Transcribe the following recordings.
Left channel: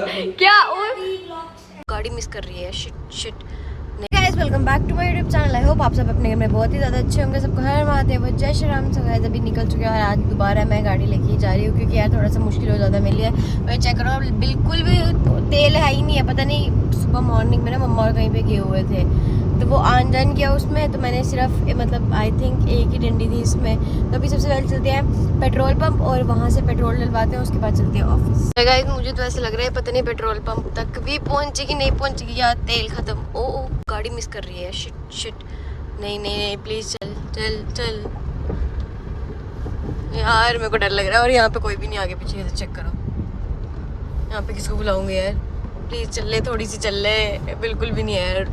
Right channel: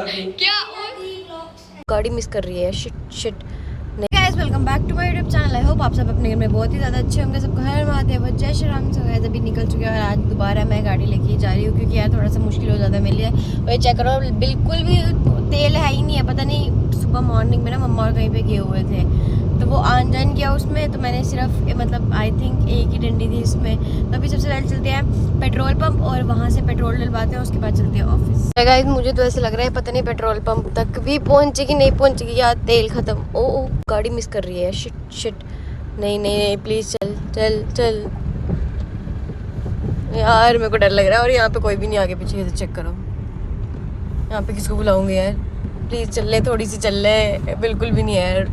क्या और गाड़ी मिस कर रही है। Shit shit. Guys welcome back to my YouTube channel. I hope आप सब अपने घर में बहुत ही ज़्यादा अच्छे होंगे। सबको हर महादेव, जय श्री राम। सब गाइस अभी निकल चुके हैं और आज दोबारा मैं गाड़ी लेके जा रही हूँ क्योंकि यार थोड़ा सा मुश्किल हो जाता है मेरे लिए। और ये चेक करो, बिल्कुल भी तेल है ही नहीं है। पता नहीं सुबह मॉर्निंग में ना मम्मा और कहीं पे गए हुए थे तो वो आन जान किया उसमें, तो मैंने सिर्फ मतलब आई थिंक एक ही डंडी थी इसमें। तो अभी सबसे पहले चलते हैं पेट्रोल पंप और वहाँ से पेट्रोल डलवाते हैं, उसके बाद चलते हैं ऑफिस। गाइस मुझे तो ऐसा लग रहा है पता नहीं पेट्रोल पंप तक भी पहुँचेगी नहीं पहुँचेगी, या तेल खत्म। ओ गाड़ी मिस कर रही है। Shit shit. नहीं प्लीज चल चल चल यार, मेरे को डर लग रहा है। और यहाँ पे कोई भी नहीं आगे पीछे, चेक करो यहाँ पे किसको बुलाऊंगी यार। प्लीज चल ले, थोड़ी सी चल ले। बिल्कुल भी नहीं है यार,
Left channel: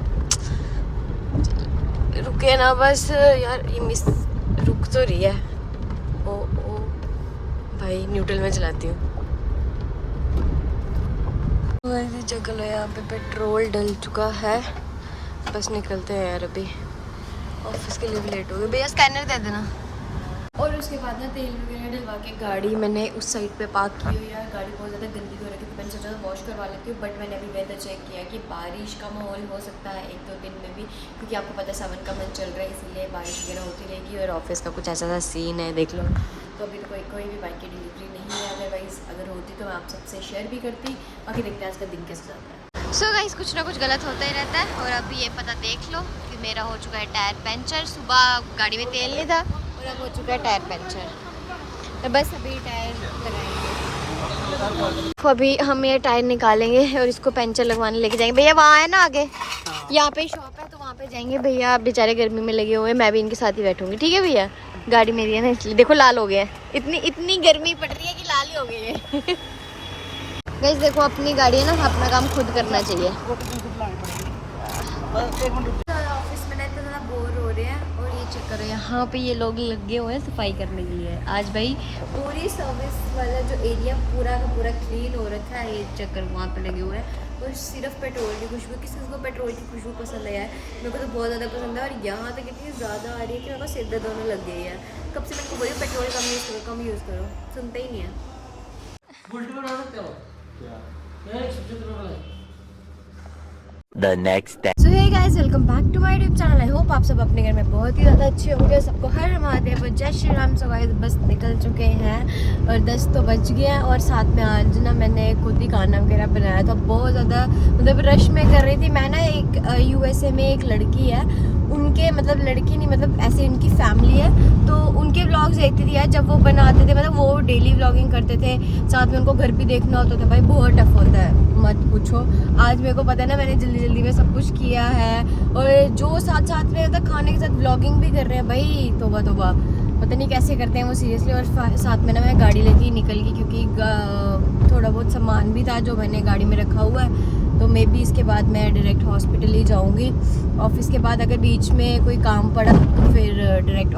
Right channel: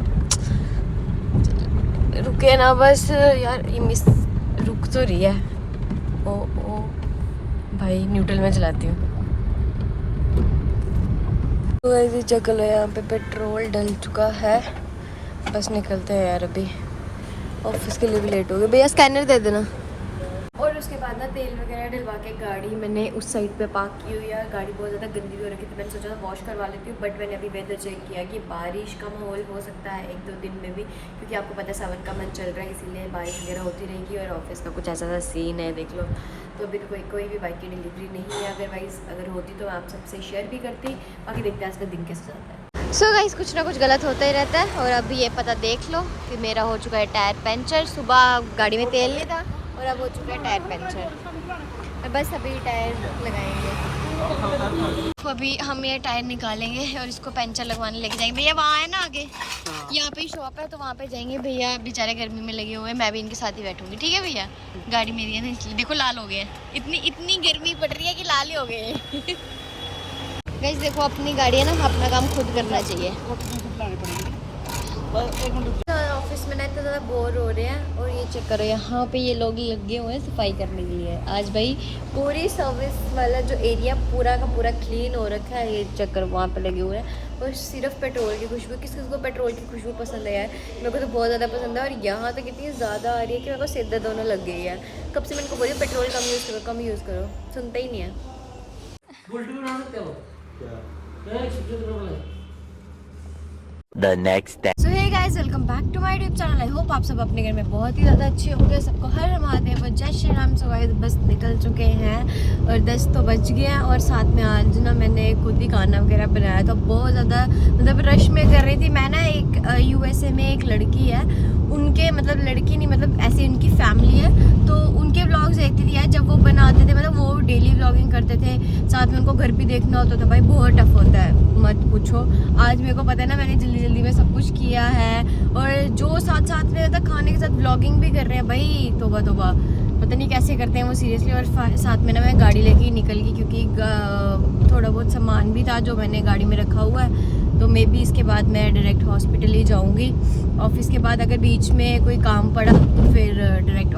रुके ना बस यार। ये मिस रुक तो रही है। ओ भाई न्यूट्रल में चलाती हूँ। चेक लो यहाँ पे पेट्रोल डल चुका है। बस निकलते हैं यार, अभी ऑफिस के लिए भी लेट हो गए। भैया स्कैनर दे देना। और उसके बाद ना तेल वगैरह डलवा के गाड़ी मैंने उस साइड पे पार्क की हुई है। गाड़ी बहुत ज़्यादा गंदी हो रखी थी, मैंने सोचा वॉश करवा लेती हूँ, बट मैंने अभी वेदर चेक किया कि बारिश का माहौल हो सकता है 1-2 दिन में भी, क्योंकि आपको पता है सावन का मंथ चल रहा है, इसीलिए बारिश वगैरह होती रहेगी। और ऑफिस का कुछ ऐसा सा सीन है, देख लो। तो अभी तो कोई भी बाइक की डिलीवरी नहीं है, अदरवाइज़ अगर होती तो मैं आप सबसे शेयर भी करती। बाकी देखते हैं आज का दिन कैसे जाता है। सो गाइस कुछ ना कुछ गलत होता ही रहता है। और अभी ये पता देख लो कि मेरा हो चुका है टायर पंचर। सुबह गाड़ी में तेल नहीं था और अब हो चुका है टायर पंचर। तो बस अभी टायर लगाएंगे। तो अभी हम ये टायर निकालेंगे और इसको पंचर लगवाने लेके जाएंगे। भैया वहाँ है ना आगे, यहाँ पे शॉप है तो वहाँ पे जाएंगे। भैया बेचारे गर्मी में लगे हुए हैं, मैं भी इनके साथ ही बैठूंगी। ठीक है भैया, गाड़ी मेरी है ना इसलिए। देखो लाल हो गया है, इतनी गर्मी पड़ रही है कि लाल ही हो गए हैं। गाइस देखो अपनी गाड़ी है ना, अपना काम खुद करना चाहिए। ऑफिस में ना इतना ज़्यादा बोर हो रहे हैं। और ये चेक करो यहाँ पे ये लोग लगे हुए हैं सफाई करने के लिए। आज भाई पूरी सर्विस वाला जो एरिया पूरा का पूरा क्लीन हो रखा है। ये चेक करो वहाँ पे लगे हुए हैं। और सिर्फ पेट्रोल की खुशबू, किसी को पेट्रोल की खुशबू पसंद है यार, मेरे को तो बहुत ज़्यादा पसंद है। और यहाँ तक इतनी ज़्यादा आ रही है कि मेरे को सिर दर्द होने लग गई है। कब से मैं इनको बोली पेट्रोल कम यूज़ करो, सुनते ही नहीं है। The next day. So hey guys, welcome back to my YouTube channel. I hope आप सब अपने घर में बहुत ही ज़्यादा अच्छे होंगे। सबको हर महादेव, जय श्री राम। So guys बस निकल चुके हैं और 10 तो बज गए हैं। और साथ में आज ना मैंने खुद ही खाना वगैरह बनाया था। बहुत ज़्यादा मतलब रश में कर रही थी मैं ना। एक USA में एक लड़की है, उनके मतलब लड़की नहीं मतलब ऐसे उनकी फैमिली है, तो उनके व्लॉग्स देखती थी यार। जब वो बनाते थे मतलब वो डेली व्लॉगिंग करते थे, साथ में उनको घर भी देखना होता था। भाई बहुत टफ होता है, मत पूछो। आज मेरे को पता है ना, मैंने जल्दी में सब कुछ किया है। और जो साथ में रहता खाने के साथ व्लॉगिंग भी कर रहे हैं भाई, तोबा पता नहीं कैसे करते हैं वो सीरियसली। और साथ में ना मैं गाड़ी लेके ही निकल गई क्योंकि थोड़ा बहुत सामान भी था जो मैंने गाड़ी में रखा हुआ है। तो मे बी इसके बाद मैं डायरेक्ट हॉस्पिटल ही जाऊंगी। ऑफिस के बाद अगर बीच में कोई काम पड़ा तो फिर डायरेक्ट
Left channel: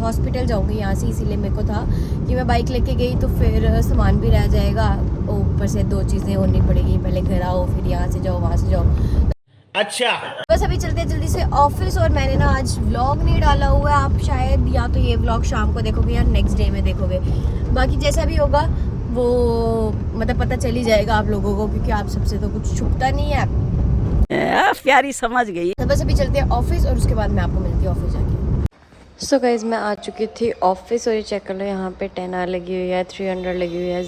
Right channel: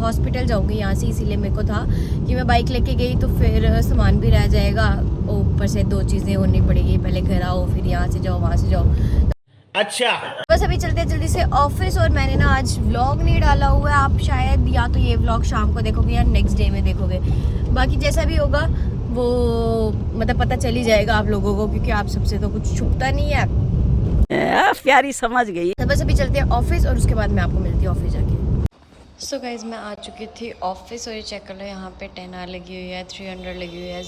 हॉस्पिटल जाऊंगी यहाँ से। इसीलिए मेरे को था कि मैं बाइक लेके गई तो फिर सामान भी रह जाएगा, ऊपर से 2 चीज़ें होनी पड़ेगी, पहले घर आओ फिर यहाँ से जाओ वहाँ से जाओ। अच्छा बस अभी चलते हैं जल्दी से ऑफिस। और मैंने ना आज व्लॉग नहीं डाला हुआ है, आप शायद या तो ये व्लॉग शाम को देखोगे या नेक्स्ट डे में देखोगे। बाकी जैसा भी होगा वो मतलब पता चल ही जाएगा आप लोगों को, क्योंकि आप सबसे तो कुछ छुपता नहीं है। प्यारी समझ गई। तो बस अभी चलते हैं ऑफिस और उसके बाद मैं आपको मिलती हूँ ऑफिस जाके। सो गाइज मैं आ चुकी थी ऑफिस और ये चेक कर लो यहाँ पे 10R लगी हुई है, 300 लगी हुई है,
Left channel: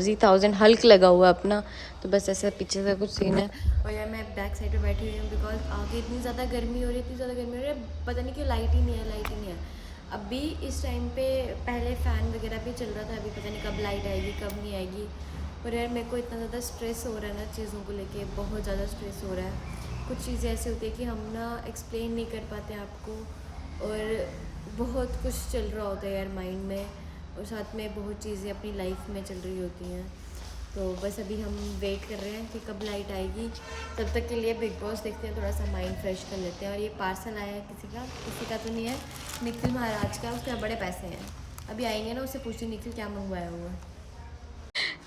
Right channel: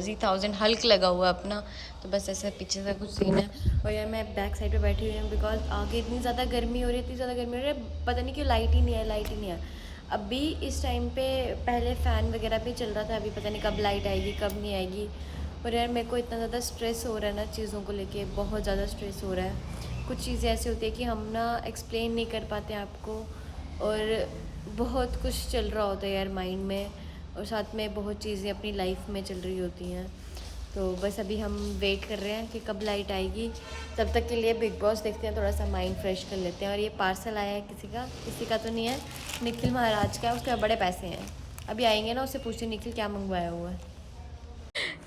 Z1000 हल्क लगा हुआ है अपना। तो बस ऐसे पीछे से कुछ सीन है। और यार मैं बैक साइड पे बैठी हुई हूँ बिकॉज आगे इतनी ज़्यादा गर्मी हो रही है, पता नहीं क्यों लाइट ही नहीं है। अभी इस टाइम पे पहले फ़ैन वगैरह भी चल रहा था, अभी पता नहीं कब लाइट आएगी कब नहीं आएगी। और यार मेरे को इतना ज़्यादा स्ट्रेस हो रहा है ना चीज़ों को लेके, बहुत ज़्यादा स्ट्रेस हो रहा है। कुछ चीज़ें ऐसी होती है कि हम ना एक्सप्लेन नहीं कर पाते आपको, और बहुत कुछ चल रहा होता है यार माइंड में, और साथ में बहुत चीज़ें अपनी लाइफ में चल रही होती हैं। तो बस अभी हम वेट कर रहे हैं कि कब लाइट आएगी। तब तक के लिए बिग बॉस देखते हैं, थोड़ा सा माइंड फ्रेश कर लेते हैं। और ये पार्सल आया है किसी का तो नहीं है, निखिल महाराज का, उसके बड़े पैसे हैं। अभी आएंगे ना, उससे पूछती निखिल क्या मंगवाया हुआ है।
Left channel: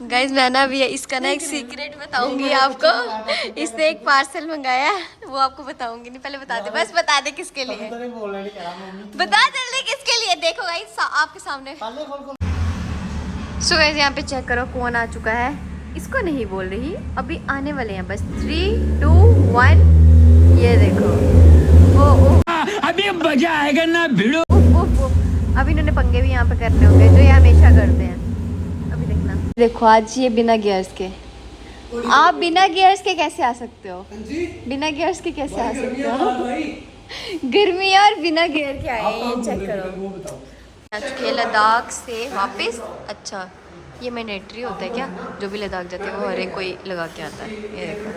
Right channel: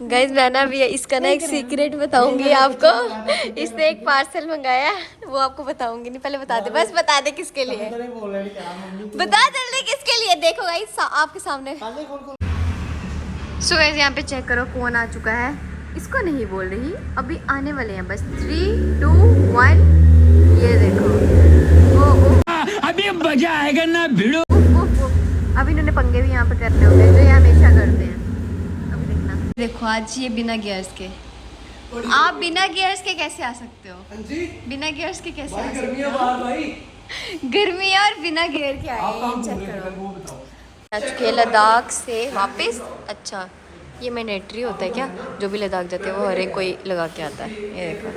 गाइज मैं ना अभी इसका ना एक सीक्रेट बताऊंगी आपको। इसने एक पार्सल मंगाया, वो आपको बताऊंगी नहीं, पहले बता दे, बस बता दे किसके लिए, बता जल्दी किसके लिए। देखो गाइज आपके सामने। सो गाइज यहाँ पे चेक करो कौन आ चुका है। इसको नहीं बोल रही, अभी आने वाले हैं बस 3, 2, 1। ये देखो वो अभी मजा आएगा ना भिड़ो। अभी इन्होंने पंगे भी यहाँ पे करने होंगे जो ये हमेशा करते हैं। अभी देखना, देखो आज ये बिना गियर्स के, आप बिना गियर्स के कैसे आ सकते हो? बिना गियर्स के कैसे आ सकते हो? गर्मी और बिना गियर के आए, ये चेक करो। आ चुके हैं लद्दाख से वापस। अच्छा ये मैंडेटरी होता है क्या? जो भी लद्दाख जाते हैं वो हर एक कोई लगा के आता है। ये देखो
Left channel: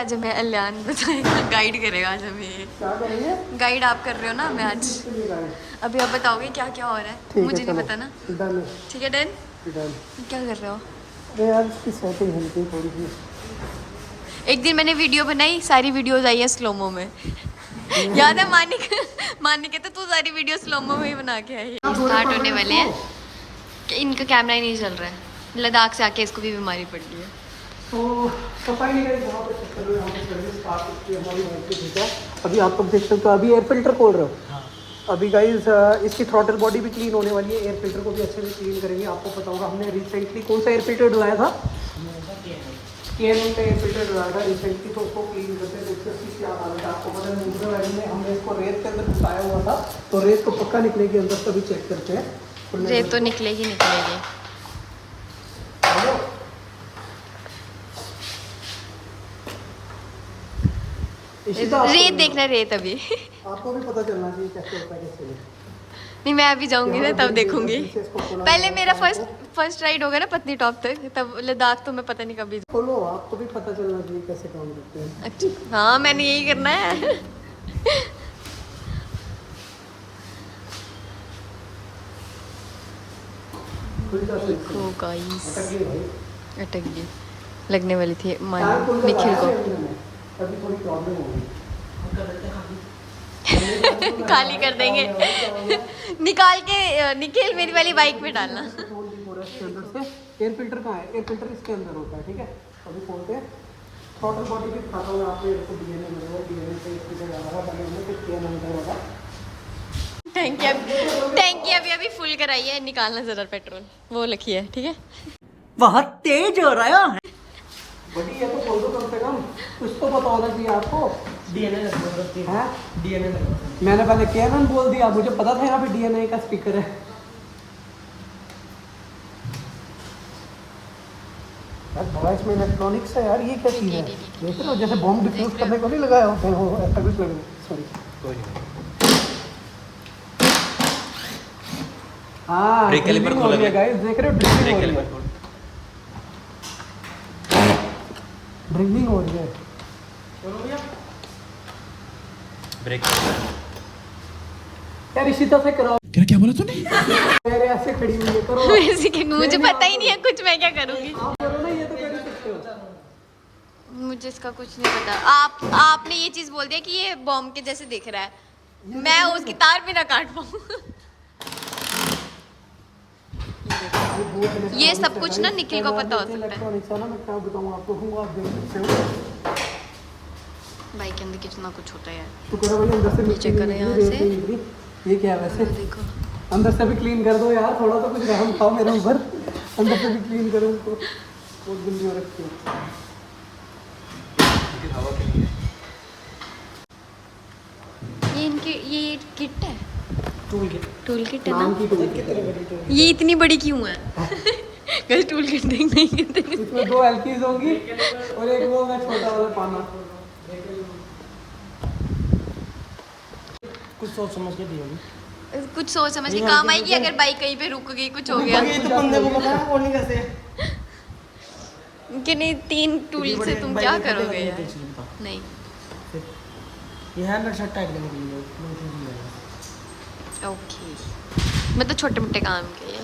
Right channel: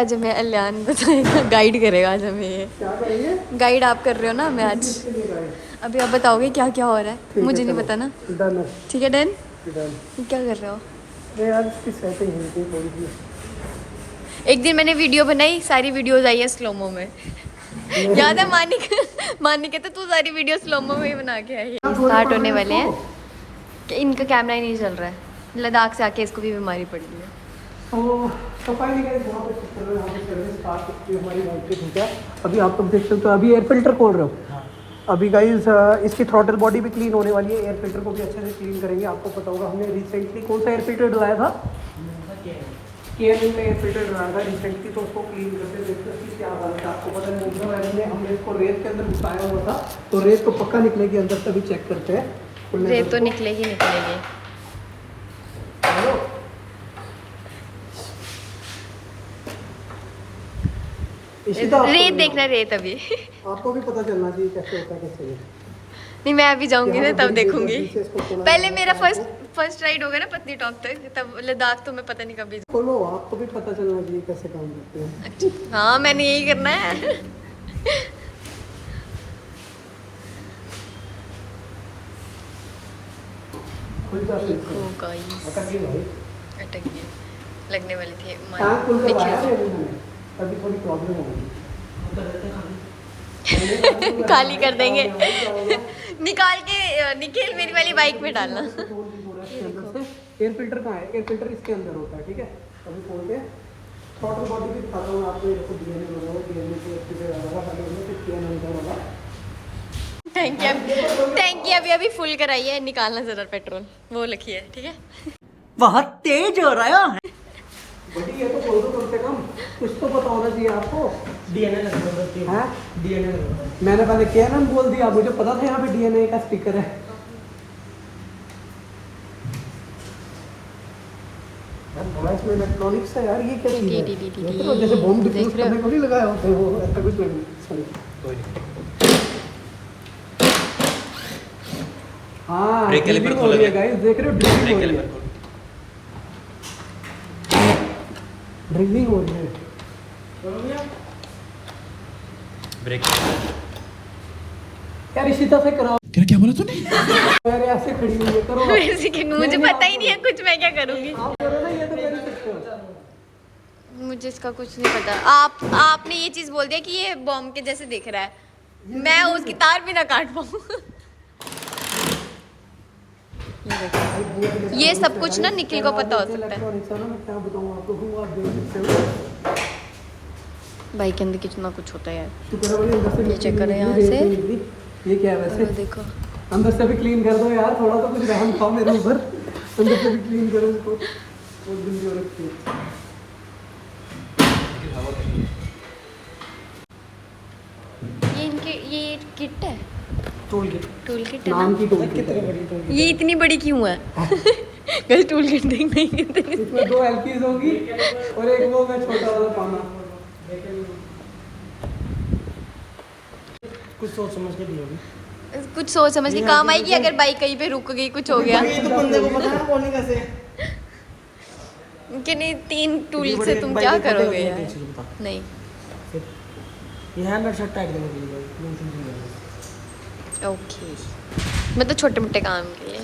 आज हमें अलियान बताएगा, गाइड करेगा आज हमें। ये गाइड आप कर रहे हो ना हमें आज? अभी आप बताओगे क्या क्या हो रहा है? मुझे नहीं पता ना। ठीक है डन। क्या कर रहे हो? यार इसकी सेटिंग हुई थी थोड़ी सी। एक दिन मैंने वीडियो बनाई, सारी वीडियोस आई है स्लोमो में। याद है मानिक कहते तू सारी वीडियो स्लोमो में ही बना के आई है। स्टार्ट होने वाले हैं कि इनका कैमरा ही नहीं चल रहा है। लद्दाख से आके इसको भी बीमारी पड़ गई है। तो सफाई नहीं करी वहाँ पे चक्कर में, वहाँ पे सर्विस स्टार्ट की हमारी बाइक पे भेजा। अभी आप लोग देख सकते हो, अभी एयर फिल्टर खोल रहे हो। अभी गाइस इसकी थ्रॉटल बॉडी भी क्लीन होने वाली है, एयर फिल्टर को भी अच्छे से क्लीन करेंगे। आपको पता होगा हमने रिसेंटली कौन सा एयर फिल्टर डलवाया था, KNM में एयर फिल्टर डलवाया था रिसेंटली, तो उसको क्लीन करते थे। क्या बात है, आपको पता है मोटर वैली में हमने इसको रेत के अंदर घुसाया हुआ था, तो रेत को पक्का निकलेगी अंदर से भी चेक करते हैं। रेत तो निकलेगी। रेत देखना, रेत अभी आपको भी पता चलना चाहिए कैसे होता है कैसे नहीं। नहीं, मैं अभी जाऊंगी ना तब देखूंगी। पहले मेरा फर्स्ट राइड होगा ना पत्नीटॉप तक, तब लद्दाख तो मैं पता नहीं कभी। बोलो, आपको भी पता चलना चाहिए कैसे काम करते हैं। अच्छा हाँ, मैंने यही करना है। देखो गाइस, अटक गई, लगने वाली थी निखिल को। अभी थोड़ी प्रॉब्लम होगी, खाली कर देंगे। निकाल के निखिल मेरी वाली बाइक में डालना। एयर फिल्टर कहाँ है? एयर फिल्टर इसके अंदर होता है, ठीक है। अभी खोलते हैं, थ्रॉटल बॉडी भी दिखाता हूँ आपको। देखो DNA लगा हुआ, DNA से इसके अंदर लगा पहले हमने, फिर KNM का लगा। टैंकी अभी फुल कराई है, निकालना जरा पेट्रोल, वो लिखी है, ठीक है। बहुत तेज हो रहा है। बड़ी है तो खोल दो कम से कम, कुछ तो पता होना चाहिए आपको। DNA लगा, हाँ DNA लगा। मैंने पहले KNM बोल दिया, मुझे पता था यहाँ पे DNA का स्पीकर है। यार बड़ा इसमें इलेक्ट्रॉनिक्स है यार, ये क्या चीज़ है? देख रहे हो, जैसे बॉम्ब डिफ्यूज करने को नहीं लगाया होता है वो, ऐसा कुछ नहीं। सॉरी, हाँ ड्रिलिंग हो रही है गाइस, देख रहे हो ड्रिलिंग हो रही है, ड्रिलिंग हो रही है। ब्रेक यार इसी तरह से करो। क्या बोला तूने? मेरे ऐसे खड़ी हुई है, करो। मुझे पता ही नहीं है कुछ, मैं क्या करूँगी? आप करो ना, ये तो कर ही सकते हो। मुझे इसका कुछ नहीं पता। आपने ये चीज़ बोल दिया कि ये बॉम्ब के जैसे दिख रहा है, मैं उसकी तार भी ना काट पाऊँ। ये सब कुछ ना निखिल को पता हो सकता है। मैं क्या बताऊँ आपको, आप देख सकते हो बाइक के अंदर कितना कुछ होता है यार। तो करो भाई, अंदर से चेक करो यहाँ से। ये क्या है वैसे? देखो अंदर से भी क्लीन कर दो यार, थोड़ा तो कुछ रहम था मेरे ऊपर। अंदर से भी क्लीन करो उनको, बहुत जल्दी हो रखी है। ये इनके ये किट है, टूल किट है नाम ना? की टूल किट है। ये इतनी बड़ी क्यों है? कल टूल किट देखने इसमें 2 एलकीज होंगी और एक वो मैं छोटा वाला पाना। कुछ सोच समझ के दी होगी। कुछ सोच समझ के काम आएगी अगर बाइक कहीं पे रुक गई, कुछ हो गया ये तो बंदे को पता है कौन कैसे। कि नहीं 3 टूल से तुम क्या करोगे यार? नहीं ये हैंड शट टाइट करने के लिए। ओके, मतलब छोटे मोटे काम के लिए।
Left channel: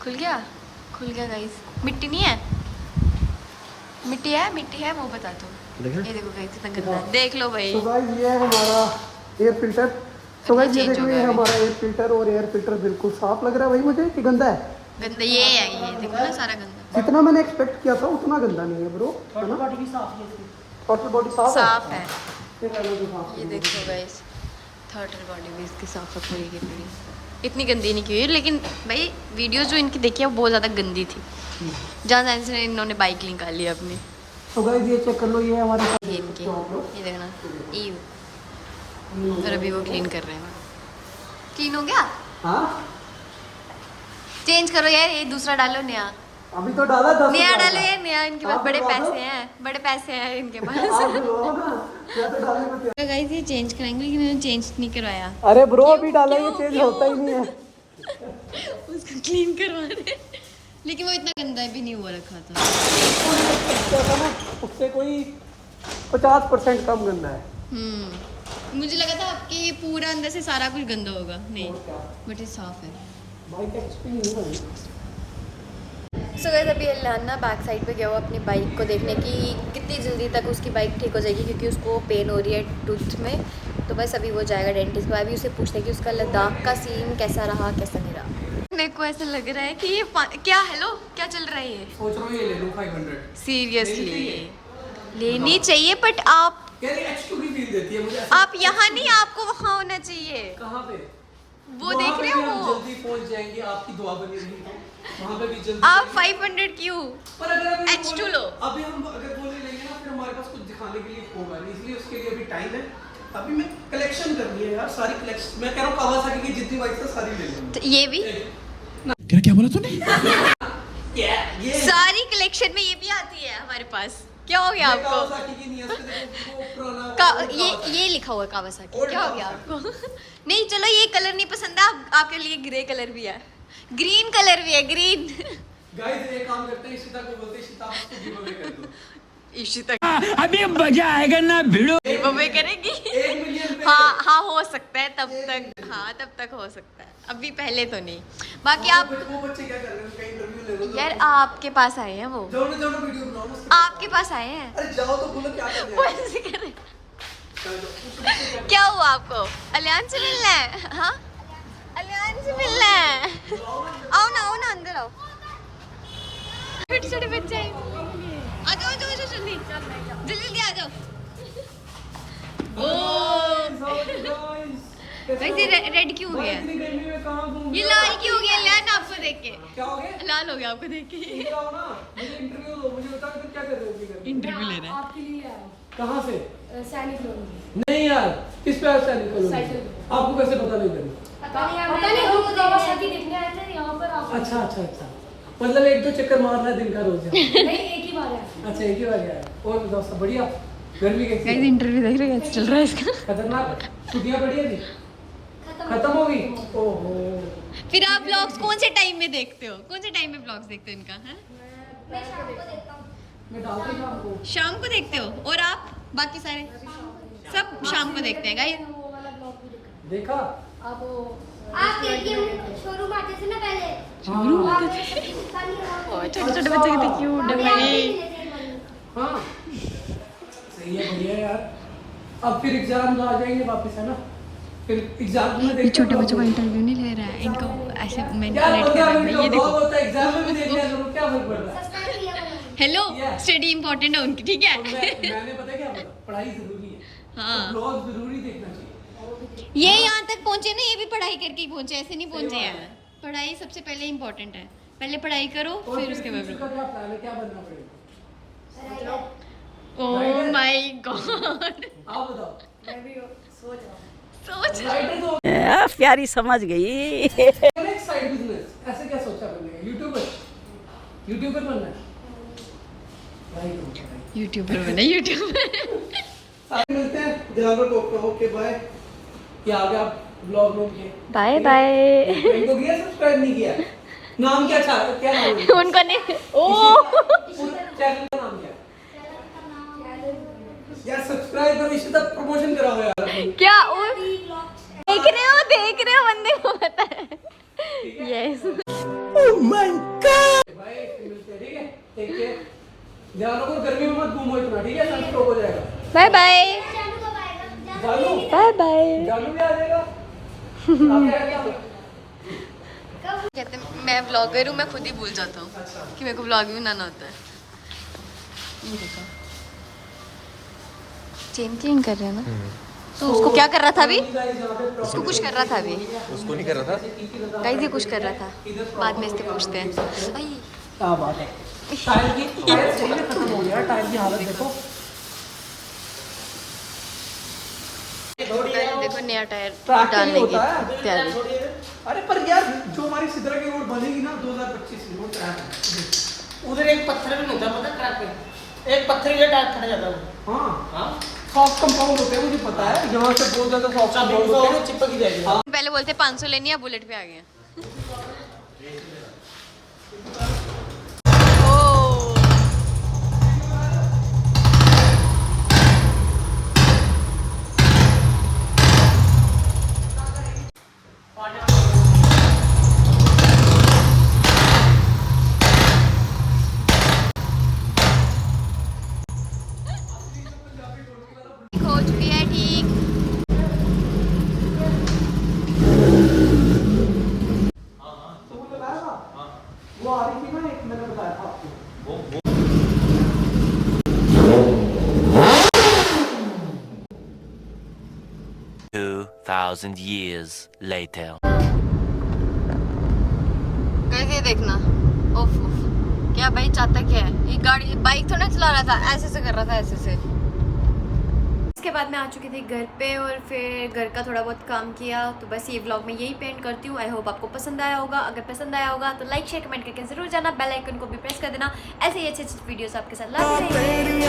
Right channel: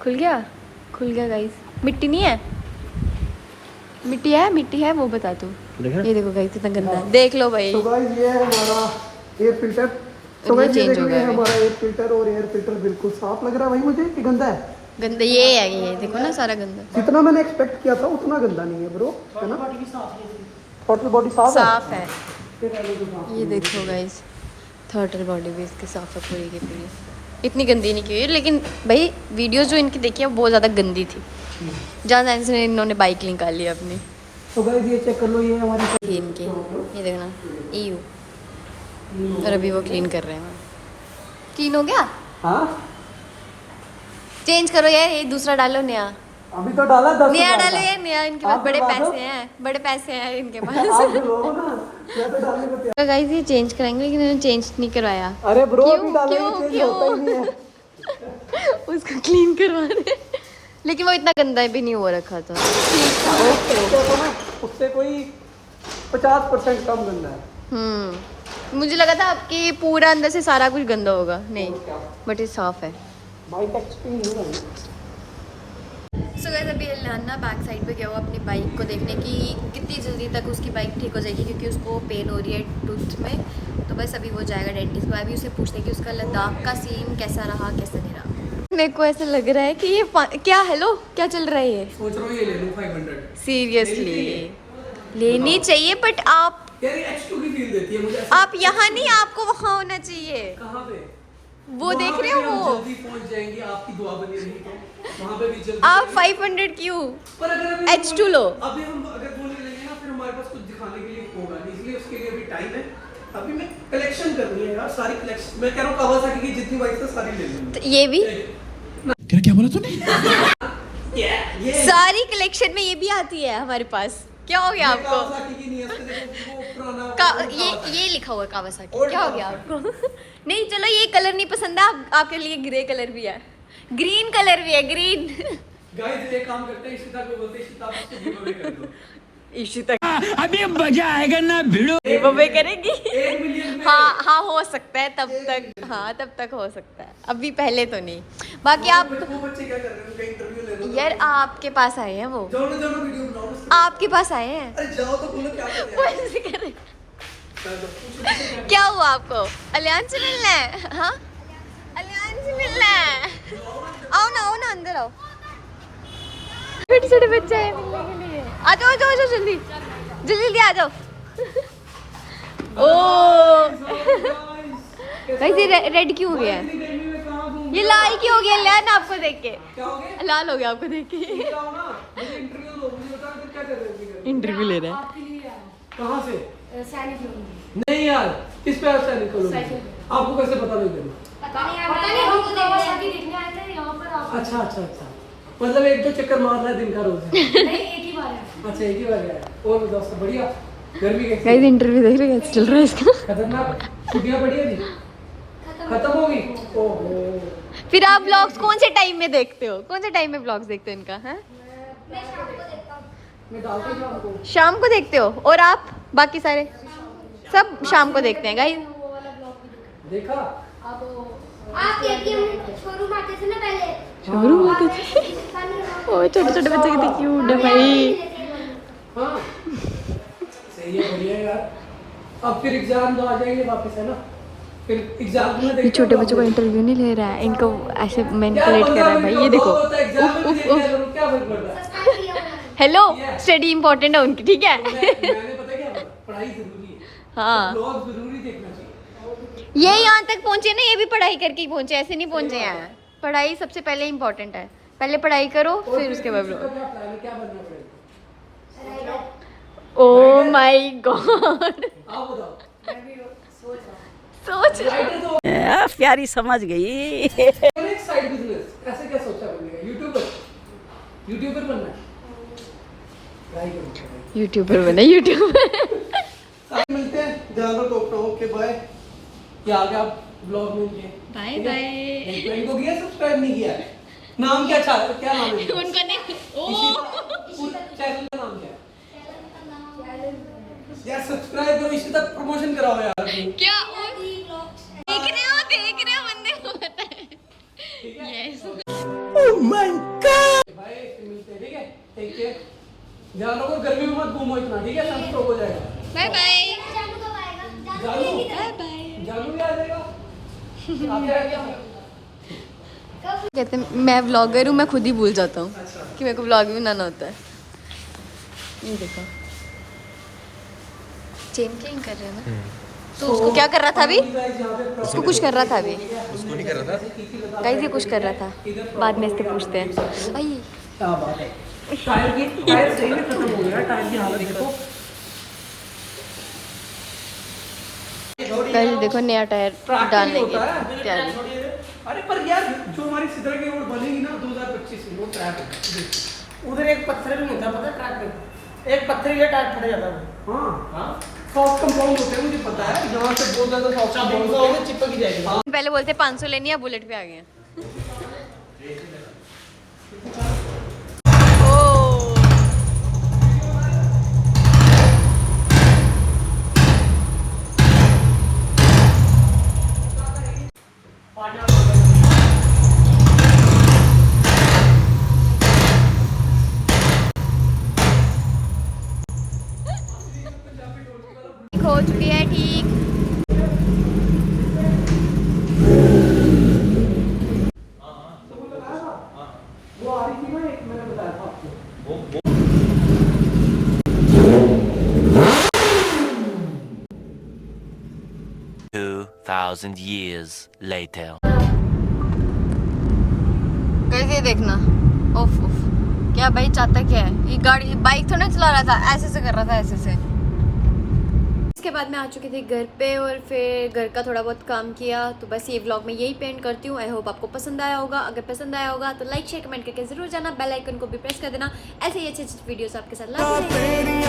खुल गया गाइस। मिट्टी नहीं है, मिट्टी है वो बता तू। ये देखो गाइस कितना गंदा है, देख लो भाई। तो गाइस ये है हमारा एयर फिल्टर। तो गाइस ये देखो, ये हमारा एयर फिल्टर, और एयर फिल्टर बिल्कुल साफ लग रहा है भाई मुझे कि गंदा है? गंदा ये है, ये देखो ना सारा गंदा। जितना मैंने एक्सपेक्ट किया था उतना गंदा नहीं है ब्रो, है ना? टोटल बॉडी साफ है। ये पहले तो साफ ये देखो गाइस, थर्टल बॉडी भी इसकी साफ है पूरी की पूरी। इतनी गंदी नहीं की हुई, लेकिन भाई वीडियो जो इनकी देखी है वो बहुत ज़्यादा गंदी थी। जहाँ जाने से इन्होंने बाइक निकाल ली अपनी। तो गाइस ये चेक कर लो, ये हमारी थी इनकी, ये देखना EU, और अभी वो क्लीन कर रहे हैं। क्लीन हो गया? हाँ चेंज करो यार, ये दूसरा डालो नया। अभी तो डाला 10 नया डालो यार, नया। इनके पास आप बड़े डलवा दो। पैसे हैं, बड़े पैसे हैं इनके आप पास। डलवाओ ना, मैं तो डालने को तैयार। तो गाइस ये चेंज कराएंगे, लेकिन इन्होंने चेंज नहीं करवाया। अरे ब्रो क्यों? अभी डाला, ये क्यों? चेंज क्यों? होता ही नहीं है। उसको क्लीन करवा रहे, लेकिन वो इतना गंदा भी नहीं हो रखा था। कहते तो ना उससे कोई 50% कम गंदा है। मुझे लगा था आपकी पूरा अंदर से सारा कुछ गंदा होगा, नहीं, बट ये साफ है। बाइक एक्सपीरियंस नहीं है। सो गाइस अभी अल्लाना बैक साइड पे गया हुआ अपनी बाइक को देखने की कितनी जल्दी तक उसकी बाइक ठीक हो जाएगी, क्योंकि उसको पेन हो रही है टूथ में। तो बस अभी वो जाएगा डेंटिस्ट को। अभी उसे पूछते हैं कि उसका लद्दाख का सीन कैसा रहा, कैसा नहीं रहा। मेरे को ऐसा लग रहा है कि ये क्या, हेलो क्या चल रहा है ये? सोच रहा हूँ ये ले लूँ 500। सीरियसली लेनी चाहिए, बट आप यार ये H2 की फील देती है मुझे। आप यहाँ नहीं, आपको वहाँ होना चाहिए। कहाँ पे? वो देख रहे हो वो? जल्दी पहुंच जाएंगे, आपकी दुआ बनी रही तो वहाँ पे भी जल्दी। आप 500 क्यों? पर अगर अभी H2 लो। अभी हम अगर बोले लेंगे ना, फिर हमारे पास कुछ दिखाने के लिए होगा नहीं, इसलिए उसके लिए अभी टाइम है। अभी मैं कलेक्शन करनी है यार, सारी कलेक्शन। मैं कह रहा हूँ कावासाकी की जितनी बाइक है सारी ले लूंगा। तो ये भी क्या बोला तूने? ये सारी कलेक्शन में ये भी आती है हमारे पास। क्या हो गया आपको? कावासाकी की नहीं है, उसके देखो वो पुराना ये लिखा हुआ है कावासाकी। क्या हो गया आपको? नहीं चलो, ये कलर नहीं पसंद है, आपके लिए ग्रे कलर भी है, ग्रीन कलर भी है, ग्रीन। गाइस ये काम करते हैं, इशिता को बोलते हैं, इशिता आप इसको गिव कर दो। इशिता अभी मजा आएगा ना भिड़ो। गिव करेगी? 1 मिलियन पे। हाँ हो सकता है तब तक, हाँ तब तक हो सकता है, अभी पहले तो नहीं। बाकी आप वो बच्चे क्या कर रहे हैं, उनका इंटरव्यू ले लो। यार आपके पास आए हैं वो, जाओ ना, जाओ ना, वीडियो बनाओ ना। आपके पास आए हैं। अरे जाओ तो बोलो क्या कर वो रहे ऐसे कर रहे हैं। हैं। क्या हुआ आपको? अलियान से मिलना है? हाँ अलियान से मिलना है। आओ ना अंदर आओ। छोटे छोटे बच्चे हैं मिलने के लिए। आ जाओ जल्दी जल्दी आ जाओ। ओ वैसे रेड क्यों हो गया है? ये लाल क्यों हो गया? लाल आपको देख के लाल हो गया, आपको देख के। इंटरव्यू ले रहे हैं। कहाँ से? नहीं यार, किस पे सैनिक लोग? आपको कैसे पता नहीं लगा? अच्छा मतलब 1-2 चक्कर मार रहा है दिन का रोज? अच्छा एक ही बार गया। और दोस्त बढ़िया, गर्मी कैसी? गाइस इंटरव्यू देख रहे हैं, कैसे चल रहा है इसका? खतरनाक। छुट्टियां बढ़िया थी, खत्म हो गई। ओहो, फिर आप व्लॉग्स कौन से टाइम में देखते हो? कौन से टाइम में व्लॉग्स देखते हो इनका? हैं? मैं डालती हूँ आपको। शाम को देखते हो? और आप बाकी सारे सब शाम को देखते हैं गाइस। देखा? शोरूम आते थे। ओ छोटे छोटे बच्चे कितने क्यूट है भाई। हाँ सही है, बढ़िया है यार। अब फिर एग्जाम आ जाएंगे वापस, है ना? फिर एग्जाम में ये छोटे बच्चों का इंटरव्यू नहीं ले रहा है, इनको ऐसे मैनिपुलेट कर रहा है भाई। ये देखो, क्या फर्क पड़ रहा है? हेलो स्टडी इंपॉर्टेंट है उनकी, ठीक है? मैंने पता क्या बोला? पढ़ाई जरूरी है, हाँ ब्लॉग जरूरी देखना चाहिए। ये यहाँ तक पहुँचे ना, ये भी पढ़ाई करके ही पहुँचे, ऐसे नहीं पहुँचे हैं। पढ़ाई सबसे पहले इम्पोर्टेंट है, पहले पढ़ाई करो फिर उसके बाद फ्यूचर का क्या प्लान है, क्या बनना पड़ेगा? ओ माय गॉड, आप बताओ। सोच प्यारी समझ गई। एक साइड बिजनेस ऐसे क्या सोचा करने का? यूट्यूबर बनना है? ट्राई करो। यूट्यूबर बने, यूट्यूबर। आज मिलते हैं, ज्यादा टॉक ना। Okay bye. क्या आ गया ब्लॉग में? Bye bye. फ्रेंड को किया, सब्सक्राइब नहीं किया? नाम क्या चाहते, क्या नाम है? उनको नहीं, ओ चैनल का नाम क्या है? यार सब्सक्राइब करो, इसी तक प्रमोशन कराओ यार। क्या? और देख रहे हो बंदे को पता है। Yes oh my God. भाई मिलते हैं, ठीक है? टेक केयर, ध्यान रखो, गर्मी में मत घूमो इतना, ठीक है? सनस्ट्रोक हो जाएगा। बाय बाय जानू बाय बाय। जानू भी आ जाएगा। कहते हैं मैं व्लॉगर हूँ, मैं खुद ही भूल जाता हूँ कि मेरे को व्लॉग में बनाना होता है। ये देखो चेन किंग कर रहे हैं ना। तो उसको क्या कर रहा था अभी? उसको कुछ कर रहा था अभी? उसको नहीं कर रहा था गाइस, ये कुछ कर रहा था। बाद में इससे पूछते हैं। भाई क्या बात है, टायर सही में खत्म हो गया, टायर की हालत देखो। गाइस देखो नया टायर डालने की तैयारी। अरे पर यार जो हमारी सिद्रा की रोड बनेगी ना 2025 की, रोड ट्रैक है। उधर एक पत्थर भी नहीं था पता ट्रैक पे, एक पत्थर ही टायर फट जाता है। हाँ सॉफ्ट कंपाउंड होते हैं, मुझे पता है। यहाँ से बहुत ज्यादा सॉफ्ट कंपाउंड होते हैं, चिपक ही जाएगा। पहले बोलते 500 लेनी है, बुलेट पे आ गए हैं। हो चुकी है ठीक। वो आ रही थी ना, एक मैंने बताया था आपको। 2,000 years later. कैसे देखना, ओफ ओफ, क्या भाई चाहता क्या है? ये गाड़ी बाइक थोड़ा चला रहा था, ऐसे से कर रहा था, ऐसे से। उसके बाद मैं आ चुकी थी घर पे और फिर घर का थोड़ा बहुत काम किया। तो बस ये व्लॉग मैं यही पेंट करती हूँ। आई होप आपको पसंद आया होगा। अगर पसंद आया होगा तो लाइक शेयर कमेंट करके जरूर जाना, बेल आइकन को भी प्रेस कर देना। ऐसे ही अच्छे अच्छे वीडियोस आपके साथ लाते रहेंगे।